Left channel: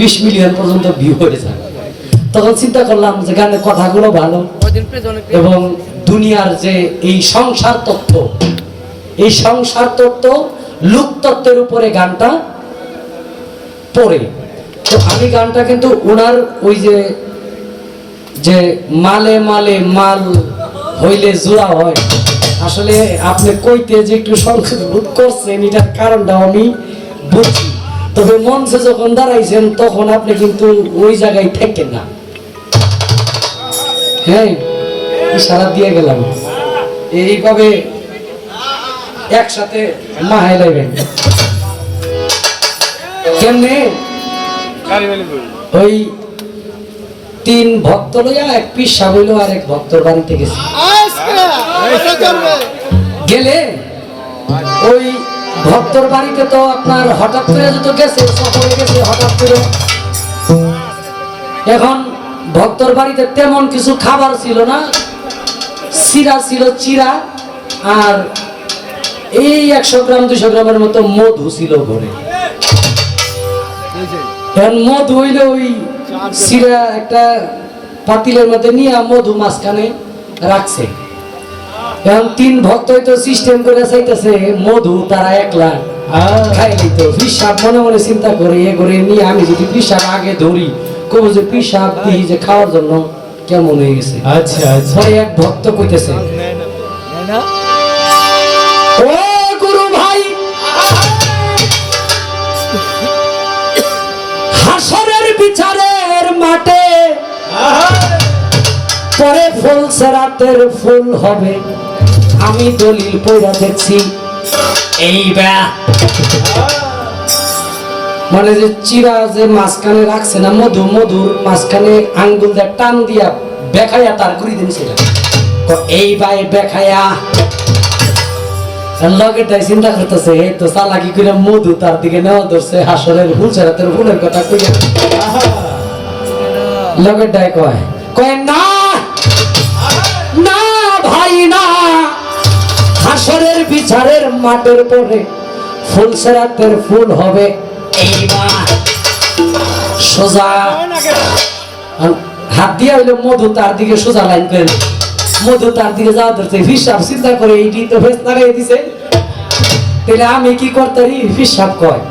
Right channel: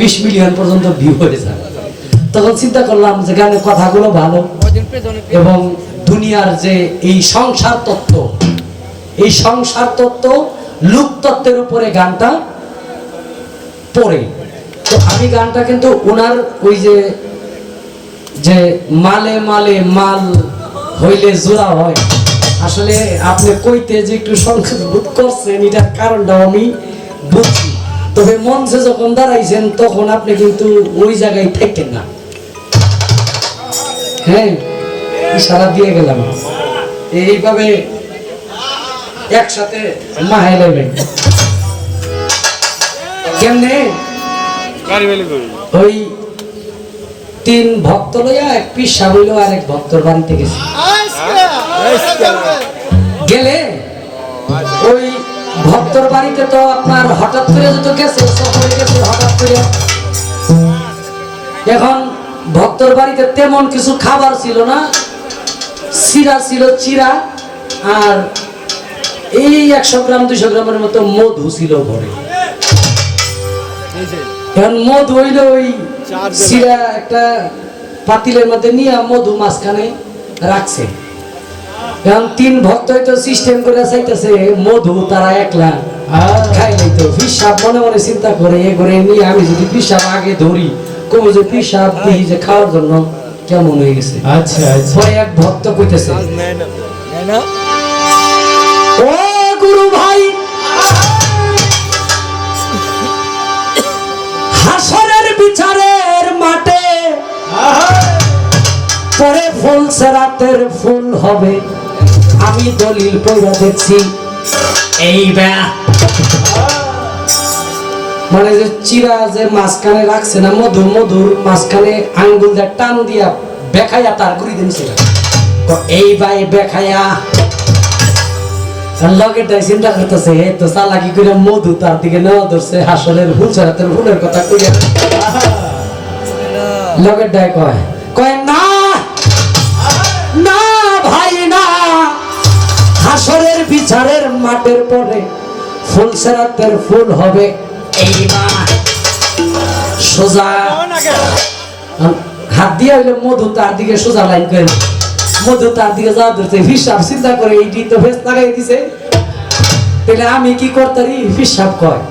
20 million পর্যন্ত view হয়ে যায়। তখন চিন্তা করলাম যে গানের কথাগুলো ভালো এবং দুনিয়ার যে এই সংসার তত্ত্ব লোক তত্ত্বের উপরে গানটা পড়ে। তো আমি গানটা কিন্তু ওনার ওই যে মালে মালে মাল হইলে জোড়া হয়, আসলে আপনি কইতে যে একটু সংকোচ বোধ করছেন এটার কারণটা আমি বুঝছি। তবে মঞ্চে যখন দাঁড়াইছেন তখন আপনি কিন্তু ওই জায়গায় থাকেন না। হ্যাঁ, ইশারা দিয়ে গেলাম এইভাবে একসাথে মাহে লাইবেন কেমনে? ওই 3 ভক্ত লইয়া এক পিসা হইল আর এক ভক্তর বাড়িতে গেছে। গেলে ওই ভক্তর বাড়িতে তো আপনার হঠাৎ করে যত গেছে সফরে গেছে হঠাৎ করে। এখন ভক্তর বাড়িতে তেমন কিছু খাবার ছিল না, চিরা ছিল চিরা, আর এই 100 গ্রাম 200 গ্রামের মতো মধু ছিল ঘরে। এখন মধু হইলে ওই চিরা একটা পাতিলের মধ্যে নিয়ে মধু মাঝখানে রাখছে। এখন 3 ভক্ত হয়তো সিস্টেম করে চাইতেছে মধু তারা একলা খাইলেই তো পিসাব মনে মনে চিন্তা করে এ করে নিয়ে আমি যদি পিসাব আগে ধরি কবো যে পিসাব দিই যে খাওয়ার জন্য কেমন হয়ে গেছে। আচ্ছা আচ্ছা। পরে এক ভক্ত কইতেছে, ও গুরু ভাই, হাসরের বিচারের মাঠে পরে ফুল সেরাতের ফুল হবে, আমি দলিল পড়া দেখছি। এই মানে যে চিরা যে মাঝখানে রাখছে না মধুর মাঝখানে আঙ্গুল দিয়ে টান দিয়া বেখাইয়া তার ঘুরি দিনছিল। এই ভাই বেখাইয়া লগেটাই চিন্তা করতেছে তো চালাকি করে মধু তার দিকে নেওয়া ধরছে, হাসরের ফুল সেরাতের ফুলের কথা কইয়া লগেটাই কয় না না ভাই না, হাসরের বিচারের মাঠের পরে ফুল সেরাতের ফুল হবে। এইবার সোজা হাত দিয়া হইলো মধু তার দিকে সোজা লাইন করে, মধু তার দিকে যাওয়া ধরছে। হিসাব চিন্তা করে এইটি তো ফেস লাগাই দিছে, তাহলে আমি কি করতারি? হিসাব কয়,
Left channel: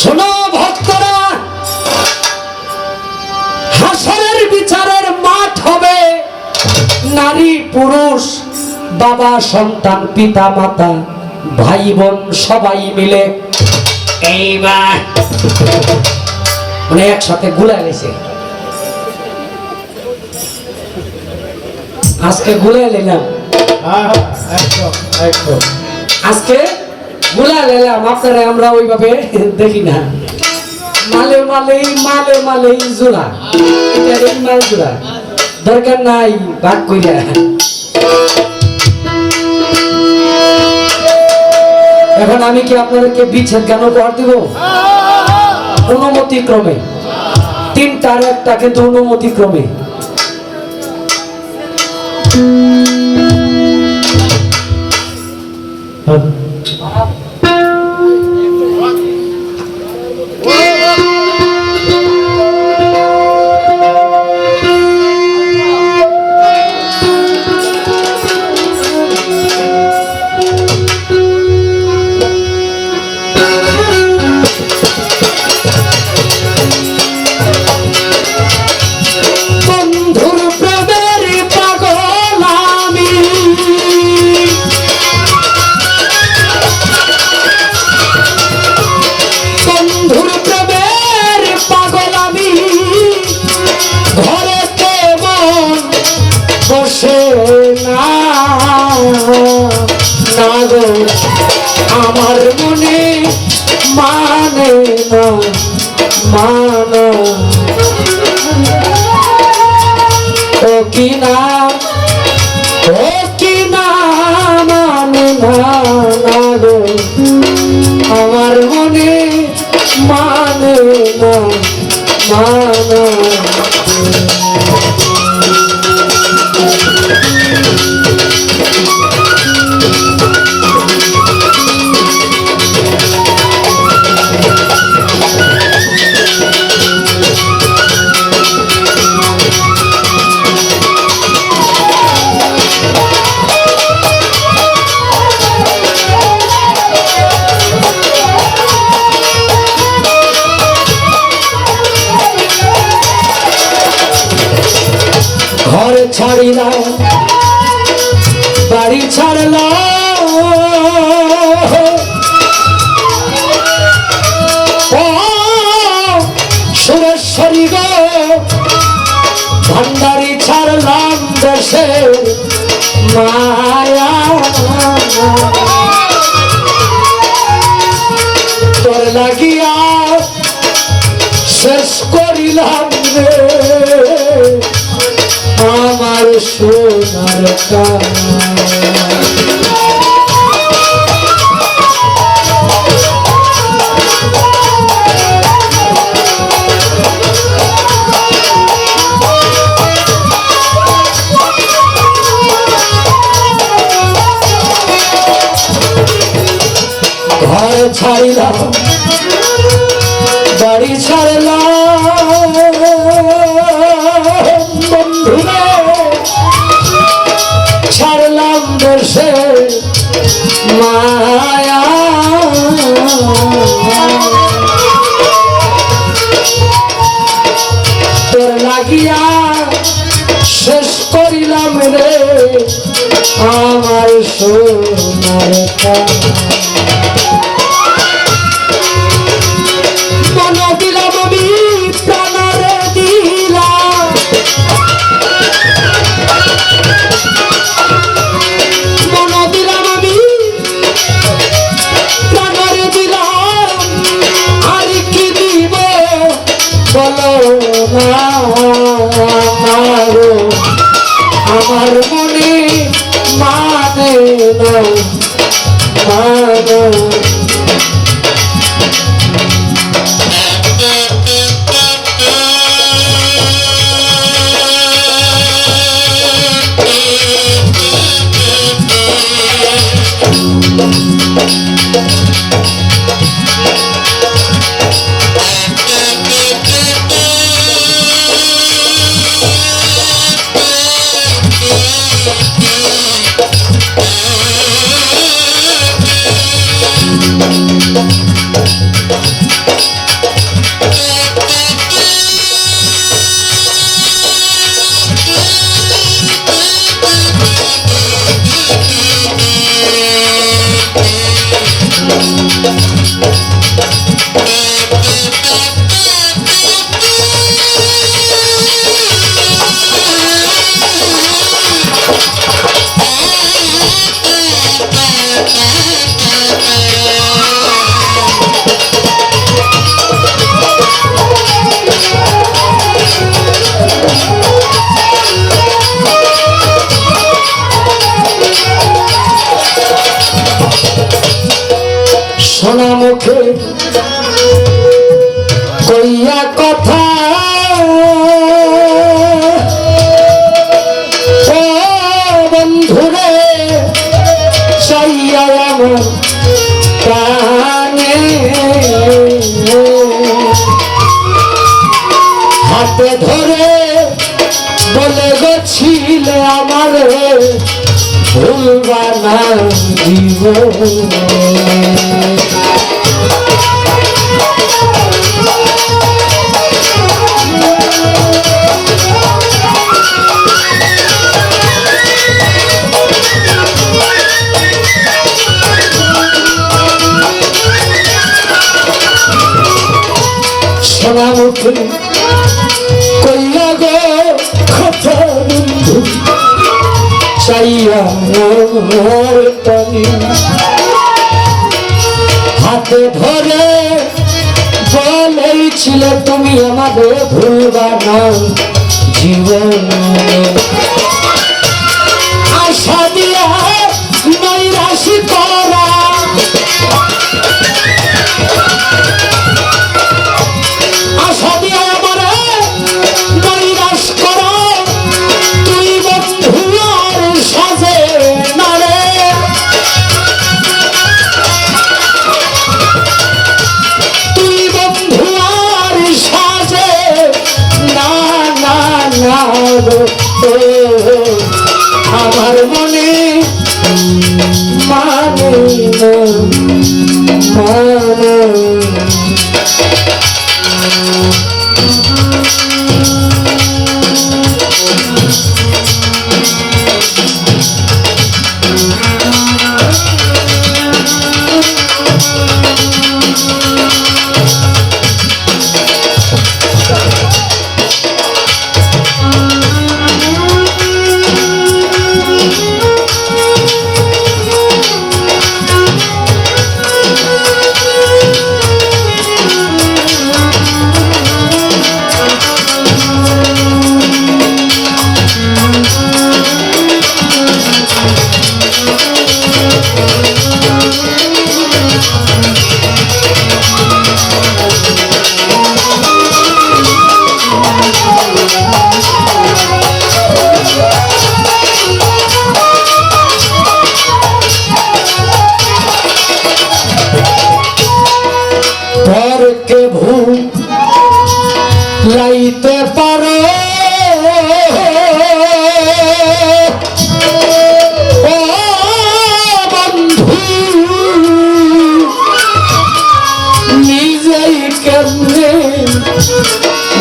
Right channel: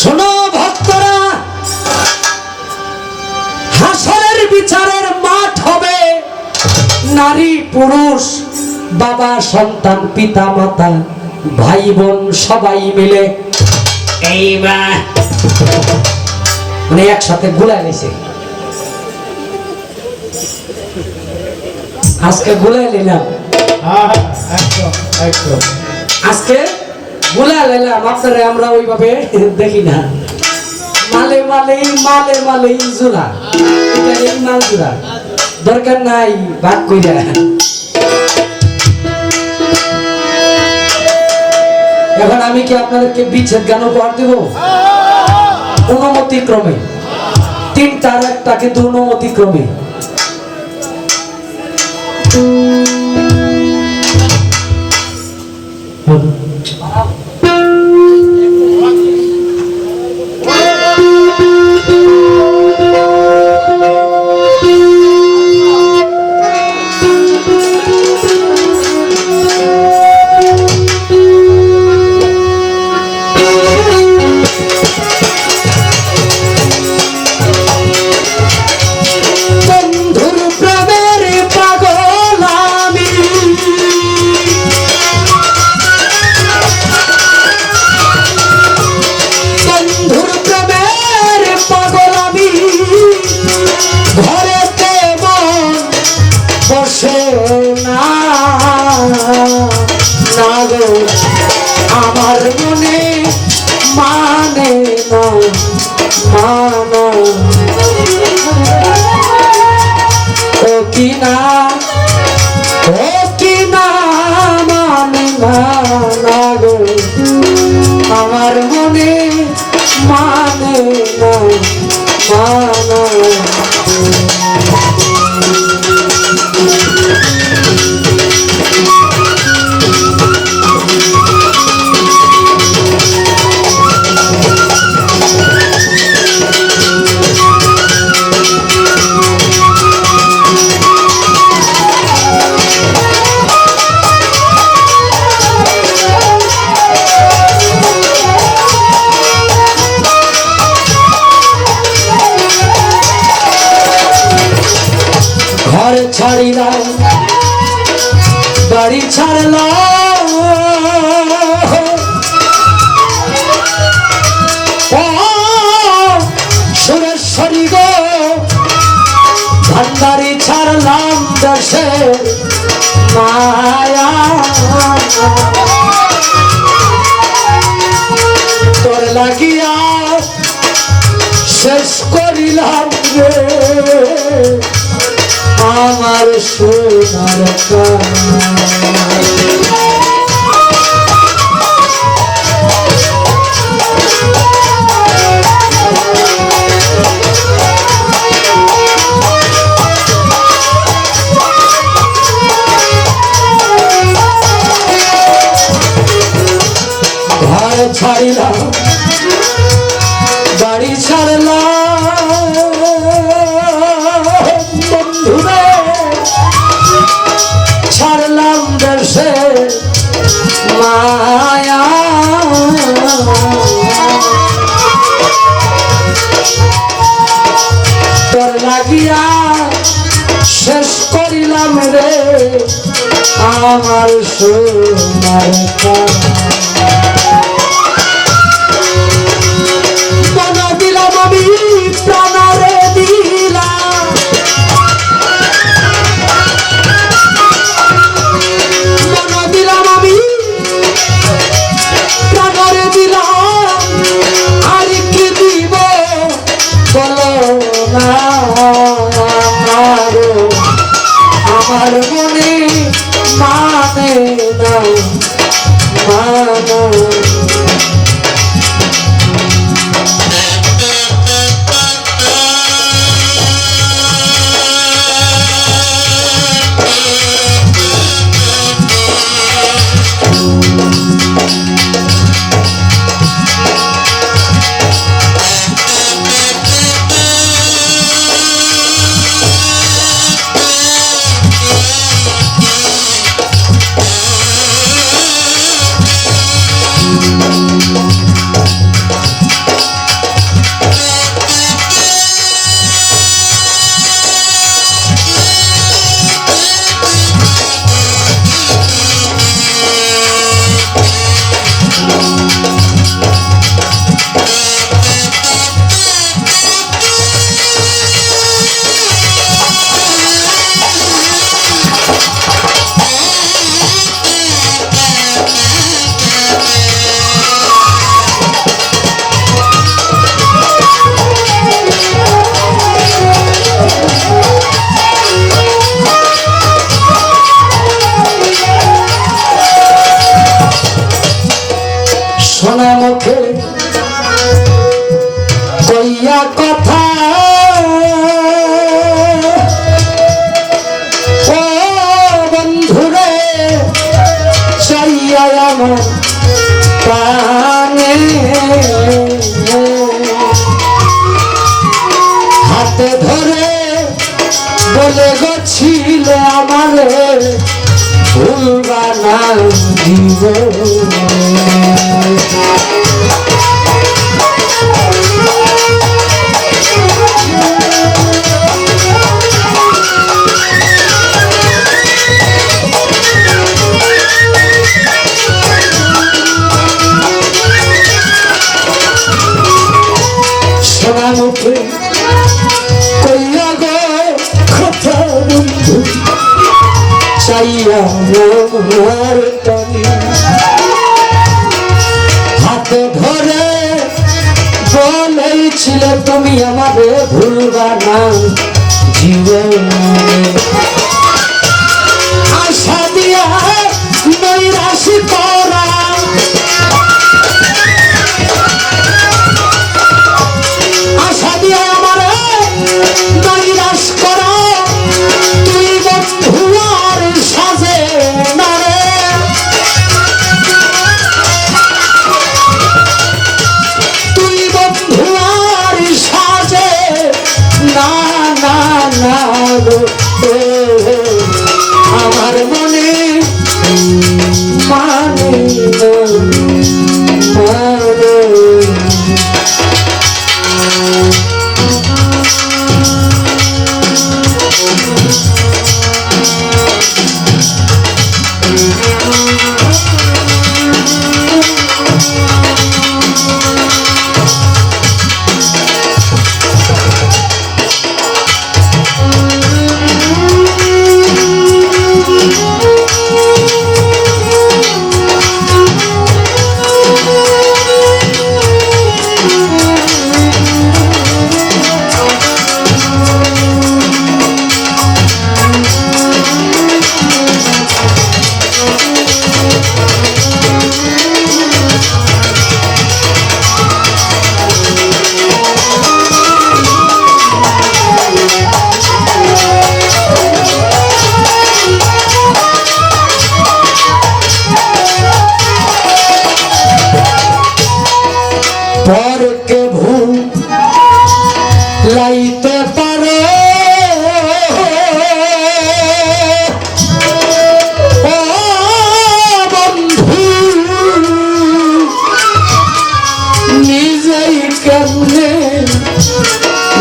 শোনো ভক্তরা, হাসরের বিচারের মাঠ হবে, নারী পুরুষ বাবা সন্তান পিতা মাতা ভাই বোন সবাই মিলে এইবার মানে একসাথে গুলাই গেছে। আজকে গুলাই নিলাম, আজকে গুলাই নিলাম আপনারা, আমরা ওইভাবে দেখি না। মালে মালেই মালে মালেই জোড়া, এই মাল জোড়া দরকার নাই ভাগ কইরা। এখন আমি কি আপনাদেরকে বিচ্ছেদ গান উপহার দিব? অনুমতি ক্রমে 3টার একটা, কিন্তু অনুমতি ক্রমে। আমার মনে মানে না মানো ও কি না মানে না গো, আমার মনে মানে না মানো। ছাড়িলাম বাড়ি ছাড়লাম সুরেশ্বরী গো ভান্ডারি ছাড়লাম দেশে মায়া তোর লাগিয়া শেষ করিলাম রে আমার সোনার ঘর ছাড়িলাম বাড়ি ছাড়লাম বন্ধুরা ছাড়লাম দেশে মায়া তোর লাগিয়া শেষ করিলাম রে আমার সোনার আমার মনে মানে মানো সোনা মুখে কইয়া কথা ও বন্ধুরে চাইয়া আমার প্রাণে হাতে ধরে বলে গেছিল আমার ভুলবা না সোনা মুখে কইয়া গো কথা বন্ধু চাইয়া মোর টানি হাতে ধরে বলেছিল তুমি আমাদের ভুলবা না জীবনে আশা দিয়া নৈরাশি করা আশা দিয়া আমার নৈরাশ করা তুই বন্ধু আর সাজে না রে তুই বন্ধু আর সাজে না না না আমার মনে মানে মানে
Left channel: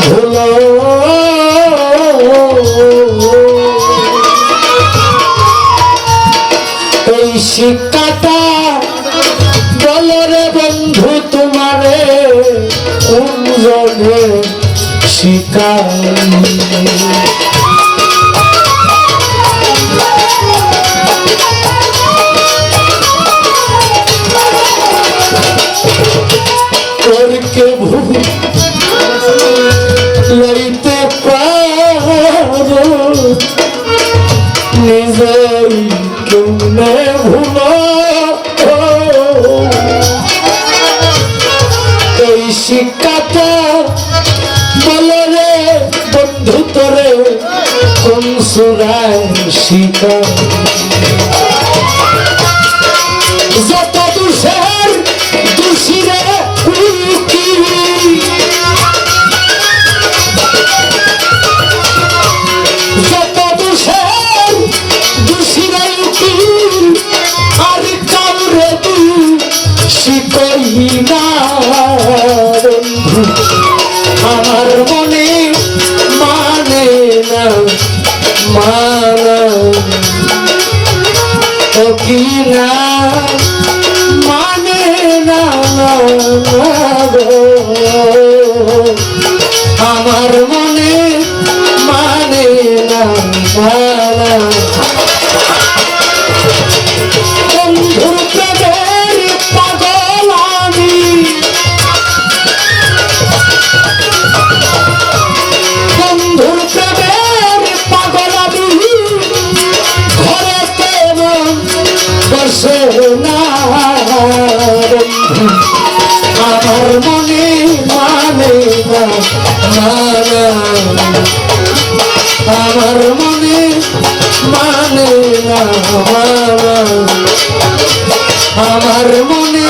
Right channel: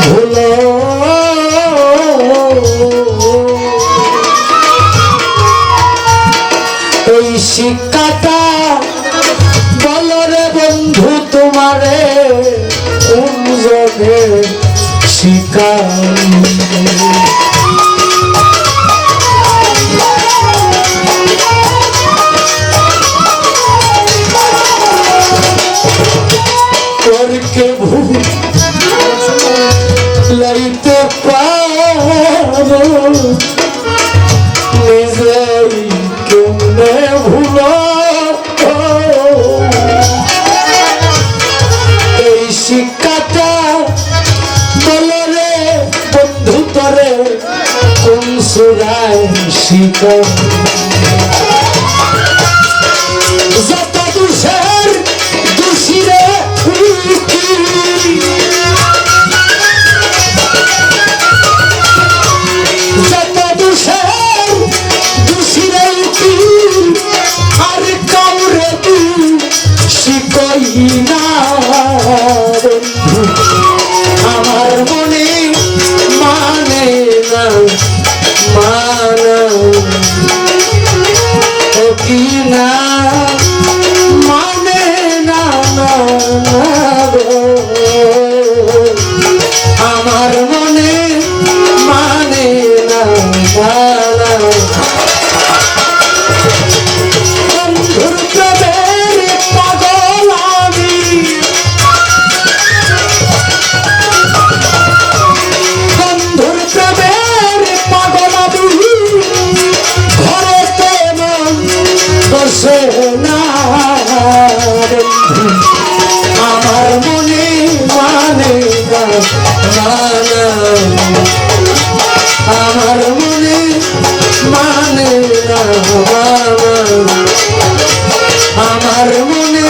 ভুলো এই শিক্ষাটা বলো রে বন্ধু তোমারে কোন জনে শিখাই করকে ভুল লইতে পারো নিজেই কেমনে ভুলো এই শিক্ষাটা বলে রে বন্ধু তোরে কোন সুরায় শিখা যত দুষের দুষিরে যত দুষের দুষিরে আর কাউরে শিখই না আমার মনে মানে না মানা ও কি না মানে না আমার মনে মানে না মানা বন্ধুর প্রেমের পাগল আমি বন্ধুর প্রেমের পাগল আমি ঘরেতে মন বসে না আমার মনে মানে না মানা আমার মনে মানে না মানা আমার মনে